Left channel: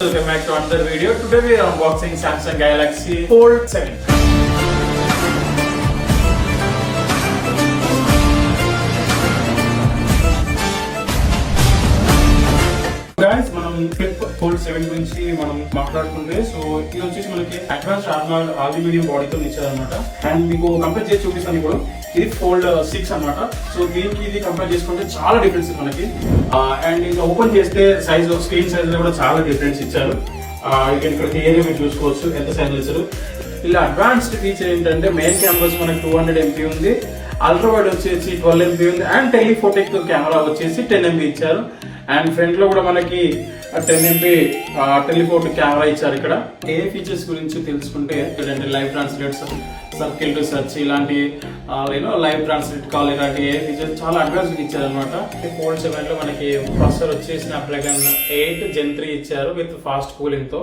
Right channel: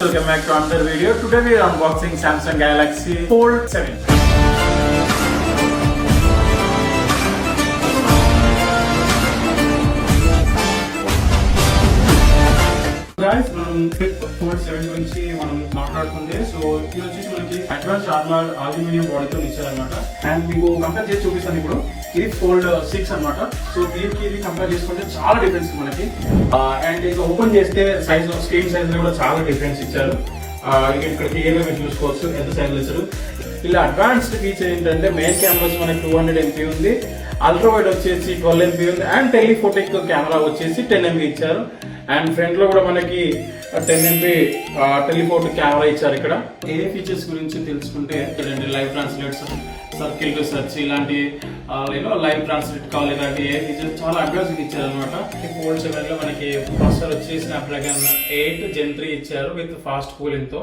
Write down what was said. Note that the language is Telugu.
Welcome back to another video. Today we are unboxing Samsung Galaxy Fold 7. Guys, మనం Fold 7 గురించి మనం మాట్లాడుకుంటే సో ఇది వచ్చేసి మనకి అడ్వాన్స్ అల్యూమినియం బాడీతో ఇచ్చారన్నమాట. అండ్ మీకు కంపేర్ చేసి చూపిస్తాను ఇప్పుడు. ఇది Fold 6 అన్నమాట. సో దీనికి ఇది కంపేర్ చేసుకుంటే చాలా డిఫరెన్స్ మనకి. అండ్ ఇది ఓపెన్ చేస్తే సైజ్ స్క్రీన్ సైజ్ లో కూడా చాలా డిఫరెన్స్ ఇచ్చారు. ఇక్కడ క్లియర్గా మీరు చూసుకోవచ్చు ఎంత సైలెన్సర్. ఇలా అడ్వాన్స్డ్ ఫీచర్ ఏంటంటే మెయిన్ కెమెరాస్ మనకి 200 MP ఉంది, అల్ట్రా వైడ్ వచ్చేసి 12 MP ఉంది, అండ్ టెలిఫోటోక్ కెమెరా వచ్చేసి 10 MP ఇచ్చారు. అండ్ ఫ్రంట్ లో కూడా మనకి 10 MP టెలిఫోటో కెమెరా ఇచ్చారు. ఇక్కడ ఏ ఫీచర్స్ గురించి తెలుసుకుంటే live translates, circle to search, ఇలాంటి లైవ్ ట్రాన్స్లేట్ కాల్, ఇలాంటి ఏ ఫీచర్స్ చాలా అడ్వాన్స్ ఇచ్చారు అనమాట. Fold 7 లో మనకి ప్రాసెసర్ వచ్చేసి Snapdragon 8 Gen 3 ఇచ్చారు విత్ ఫాస్ట్ కూలింగ్ తో.